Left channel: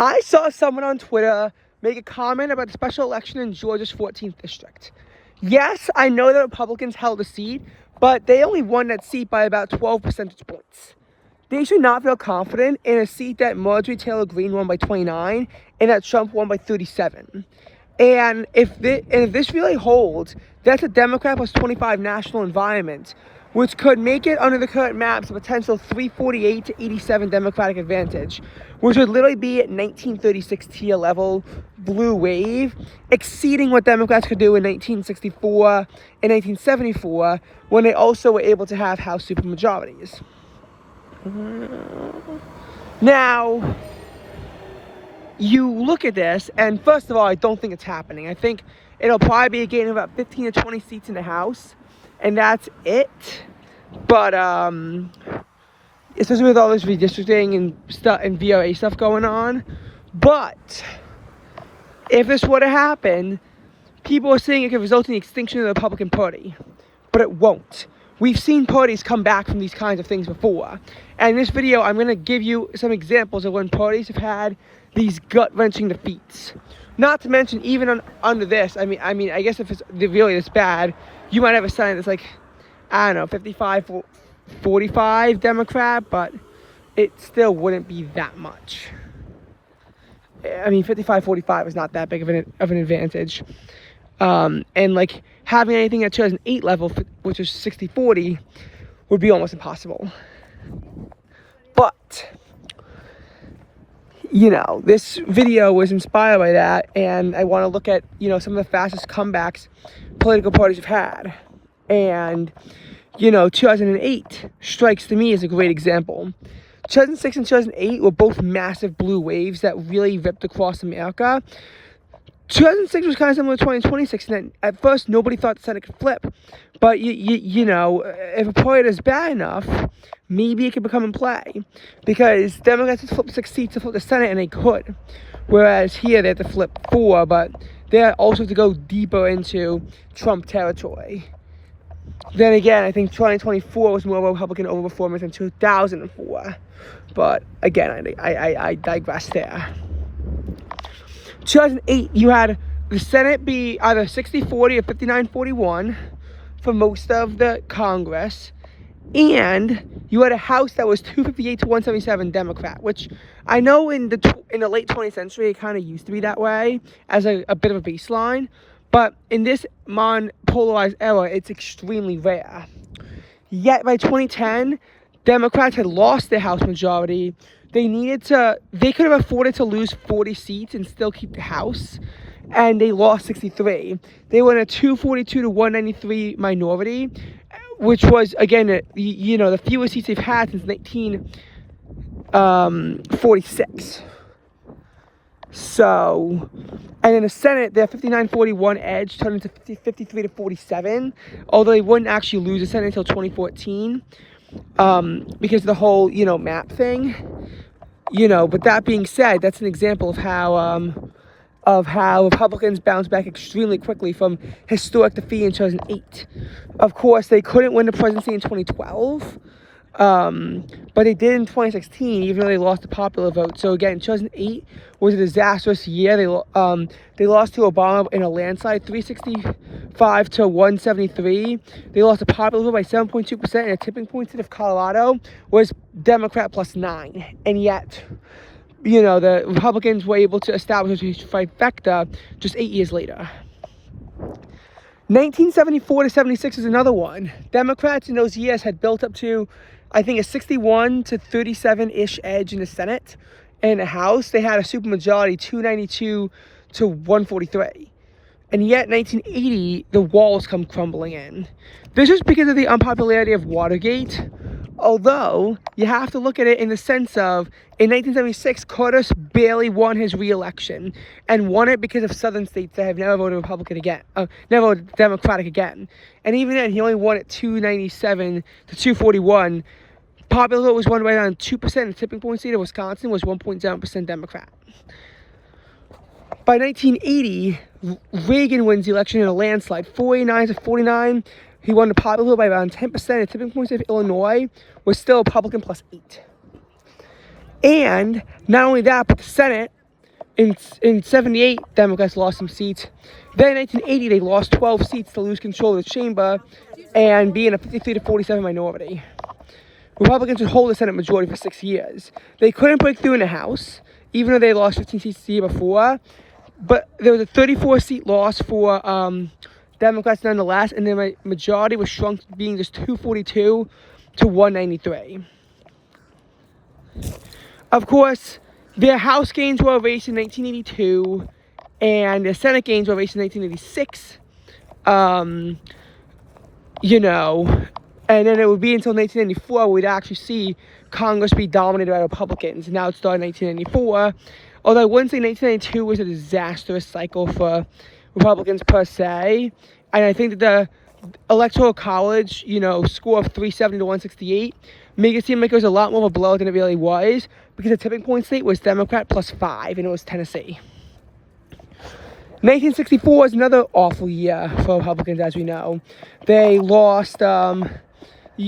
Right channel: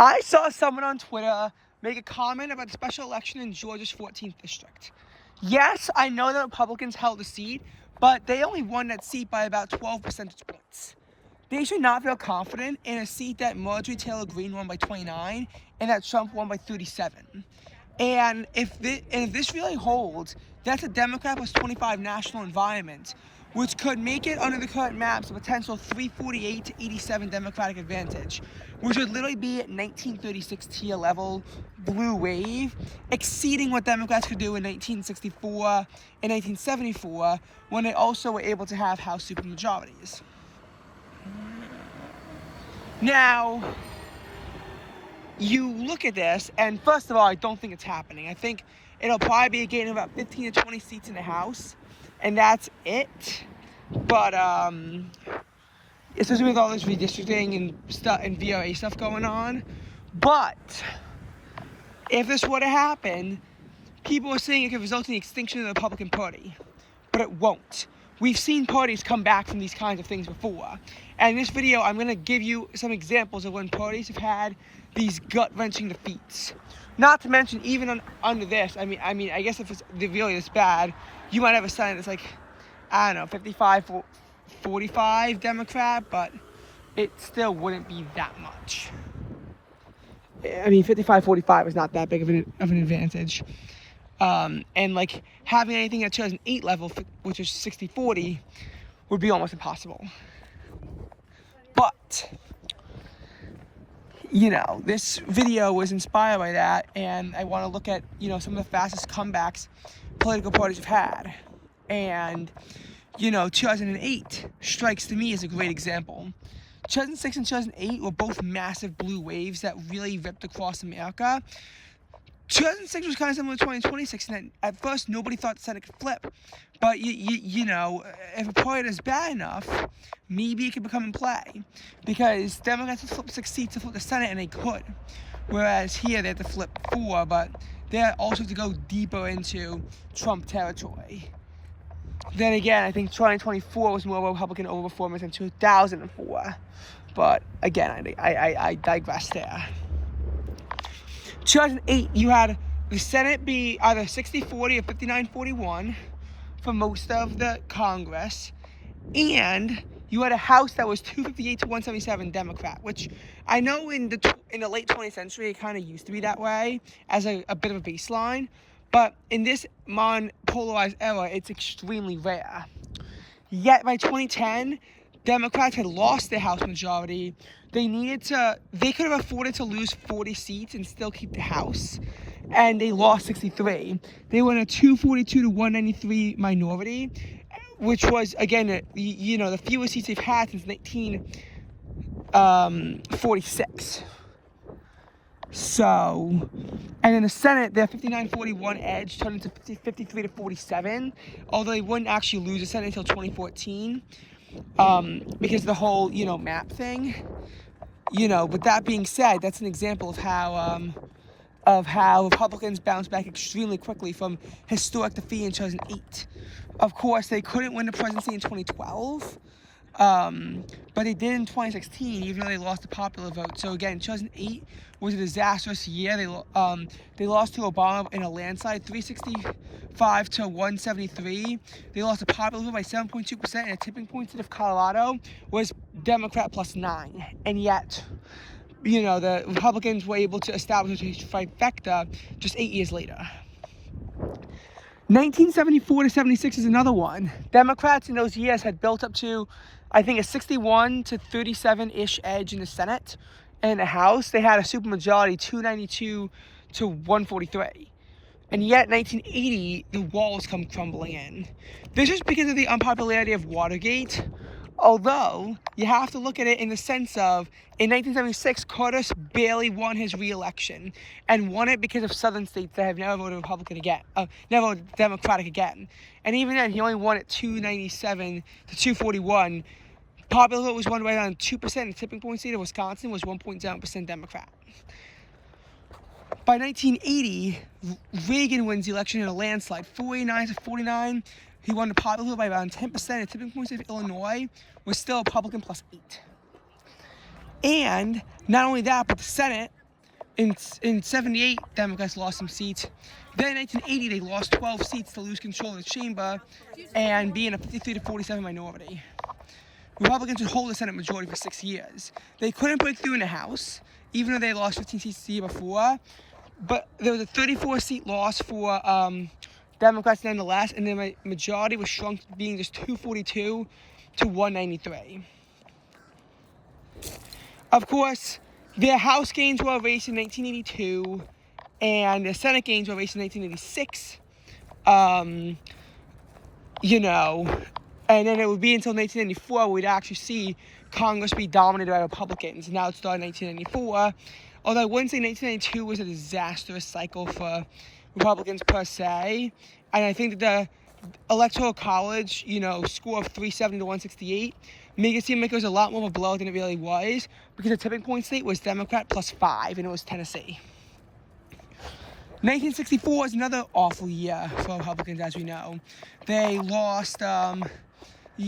I saw someone on Twitter make a comment about the special election in Georgia's 14th district. Yes, I know that Republicans held a seat, but they only won that seat by about 12 percentage points. They should not feel confident in a seat that Marjorie Taylor Greene won by 29 and that Trump won by 37. And if this really holds, that's a Democrat plus 25 national environment, which could make it under the current maps a potential 348 to 87 Democratic advantage, which would literally be at 1936 tier level blue wave, exceeding what Democrats could do in 1964 and 1974 when they also were able to have House supermajorities. Now, you look at this, and first of all, I don't think it's happening. I think it'll probably be a gain of about 15 to 20 seats in the House, and that's it. But especially with all this redistricting and stuff and VOA stuff going on. But if this were to happen, people are saying it could result in the extinction of the Republican Party, but it won't. We've seen parties come back from these kinds of things before. And in this video, I'm going to give you some examples of when parties have had these gut-wrenching defeats. Not to mention, even under this, I mean, I guess if it's really this bad, you might have a Senate that's like, I don't know, 55-45 Democrat, but it still wouldn't be that much. I mean, 55-45 is not that big of an advantage. And like having anything at 2008 level, which is 60-40, would be almost impossible. But, you know, this video was inspired by that, and I want to look at, you know, some of the fastest comebacks political parties have had. And, you know, 2008 strikes to me as a great example. 2006 and 2008 were both massive blue waves that really ripped across America. 2006 was kind of similar to 2026, and at first nobody thought the Senate could flip. But, you know, if a party is bad enough, maybe it could become in play. Because Democrats had flipped 6 seats to flip the Senate, and they could. Whereas here they had to flip 4, but they also have to go deeper into Trump territory. Then again, I think 2024 was more of a Republican overperformance than 2004. But again, I digress there. 2008, you had the Senate be either 60-40 or 59-41 for most of the Congress. And you had a House that was 258 to 177 Democrat, which I know in the late 20th century, it kind of used to be that way as a bit of a baseline. But in this polarized era, it's extremely rare. Yet by 2010, Democrats had lost their House majority. They could have afforded to lose 40 seats and still keep the House. And they lost 63. They were in a 242 to 193 minority, which was, again, you know, the fewest seats they've had since 1946. So, and in the Senate, their 59-41 edge turned into 53 to 47, although they wouldn't actually lose the Senate until 2014, because of the whole, you know, map thing. You know, but that being said, that's an example of how Republicans bounced back extremely quickly from historic defeat in 2008. Of course, they couldn't win the presidency in 2012, but they did in 2016, even though they lost the popular vote. So again, 2008 was a disastrous year. They lost to Obama in a landslide, 365 to 173. They lost the popular vote by 7.2%, and a tipping point state of Colorado was Democrat plus 9. And yet, you know, the Republicans were able to establish a trifecta just 8 years later. 1974 to 76 is another one. Democrats in those years had built up to, I think, a 61 to 37-ish edge in the Senate. And in the House, they had a supermajority, 292 to 143. And yet, 1980, the walls come crumbling in. This is because of the unpopularity of Watergate. Although, you have to look at it in the sense of, in 1976, Carter barely won his re-election, and won it because of southern states that have never voted Republican again, never voted Democratic again. And even then, he only won it 297 to 241. Popular vote was won by around 2%, and the tipping point state of Wisconsin was 1.7% Democrat. By 1980, Reagan wins the election in a landslide, 489 to 49. He won the popular vote by around 10%. The tipping point state of Illinois was still Republican plus 8. And not only that, but the Senate In 78, Democrats lost some seats. Then in 1980, they lost 12 seats to lose control of the chamber and be in a 53-47 minority. Republicans would hold the Senate majority for 6 years. They couldn't break through in the House, even though they lost 15 seats the year before. But there was a 34-seat loss for Democrats nonetheless, and the majority was shrunk, being just 242 to 193. Of course, their House gains were erased in 1982, and their Senate gains were erased in 1986. And then it would be until 1994 we'd actually see Congress be dominated by Republicans. Now it started in 1994. Although I wouldn't say 1992 was a disastrous cycle for Republicans per se. And I think that the Electoral College, score of 370 to 168 made it seem like it was a lot more of a blow than it really was, because the tipping point state was Democrat +5, and it was Tennessee. 1964 is another awful year for Republicans, as we know. They lost, they were in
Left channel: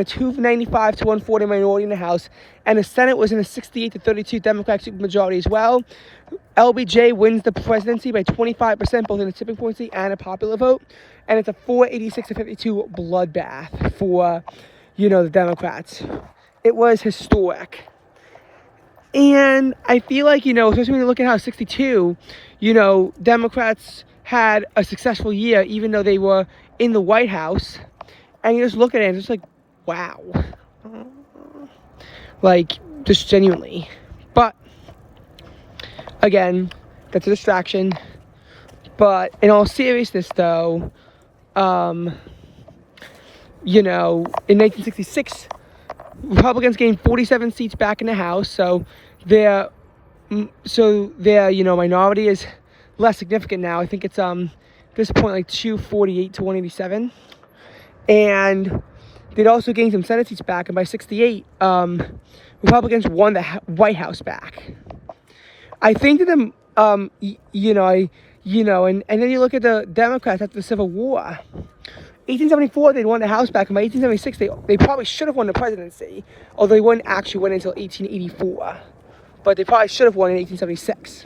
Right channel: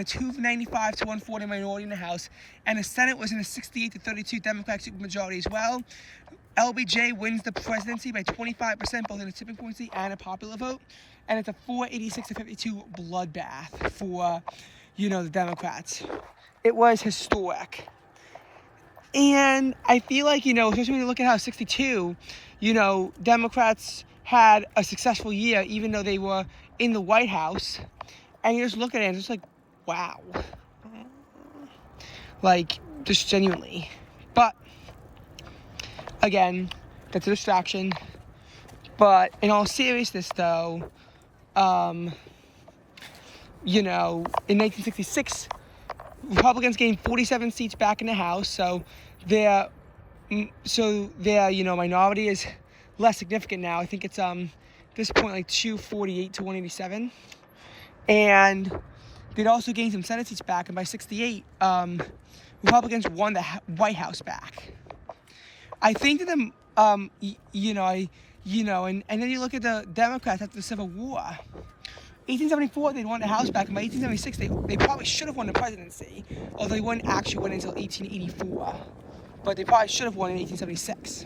a 295 to 140 minority in the House, and the Senate was in a 68 to 32 Democratic supermajority as well. LBJ wins the presidency by 25%, both in a tipping point state and a popular vote, and it's a 486 to 52 bloodbath for, the Democrats. It was historic. And I feel like, especially when you look at how 62, Democrats had a successful year, even though they were in the White House. And you just look at it and it's just like, wow. Like, just genuinely. But, again, that's a distraction. But in all seriousness, though, in 1966, Republicans gained 47 seats back in the House, so their minority is less significant now. I think it's at this point like 248 to 187, and they'd also gained some Senate seats back. And by 68, Republicans won the White House back. I think that the and then you look at the Democrats after the Civil War. 1874, they'd won the House back, and by 1876, they probably should have won the presidency, although they wouldn't actually win until 1884. But they probably should have won in 1876.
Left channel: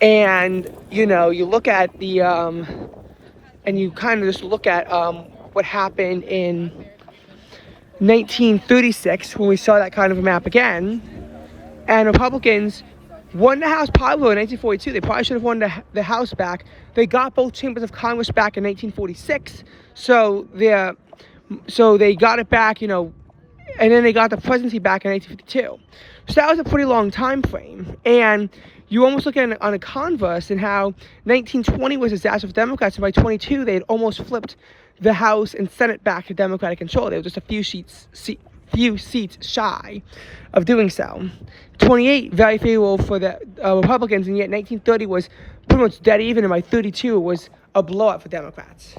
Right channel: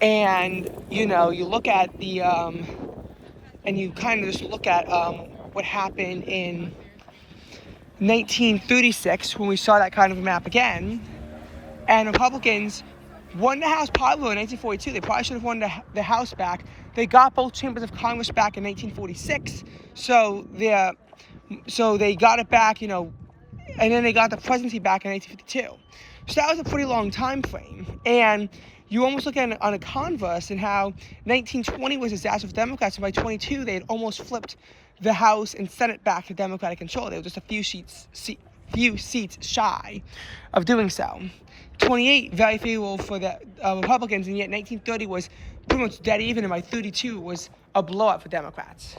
And, you look at the, and you kind of just look at what happened in 1936, when we saw that kind of a map again, and Republicans won the House probably in 1942. They probably should have won the House back. They got both chambers of Congress back in 1946, so they got it back, and then they got the presidency back in 1952. So that was a pretty long time frame, and you almost look at it on a converse in how 1920 was a disaster for Democrats, and by 22 they had almost flipped the House and Senate back to Democratic control. They were just a few seats shy of doing so. 28, very favorable for the Republicans, and yet 1930 was pretty much dead even, and by 32 it was a blowout for Democrats.